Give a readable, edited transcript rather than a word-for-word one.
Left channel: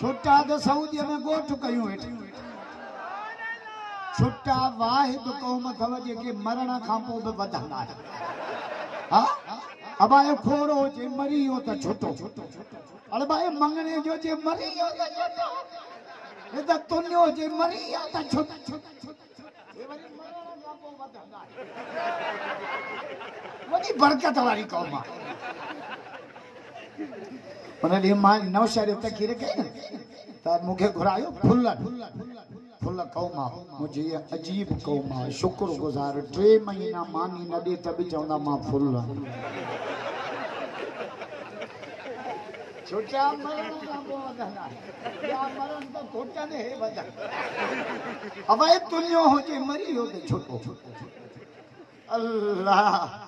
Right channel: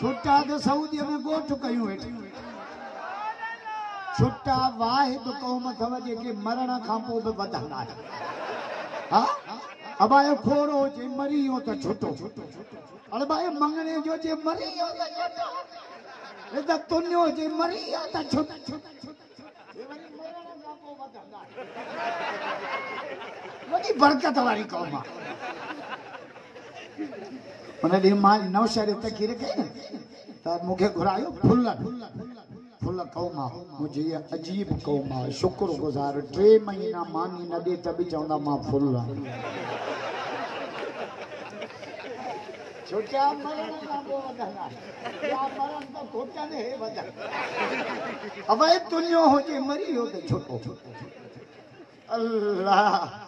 छुट्टा तो सऊदी में गोठ कयूं वेठी छुट्टा वाहिद क़ौम अथव जेके मरण खां पोइ बि वधंदा आहिनि हा अबाए खोड़ो जे मरी वियो त छुटो अरे भाई मंगणे जो जे मरी वियो त छुटो हे त तुन्यो जे मरी वियो त छुटो वॾी बरकत वारी क़ौम आहे हुन ॾींहुं मां नौशहर तकीर कई न त मूंखे घुरायो फुल फुल क़ौम आहे मुंहिंजी अजीब क़ौम आहे शुक्रगुज़ार 3 महीना मानी न ॾे त बि चवंदा मां फुल छुट्टा मरण खां पोइ वधंदा या मरण त घुटने हे वधंदा अबे तुंहिंजो हुजे मरी वियो त छुटो अल्लाह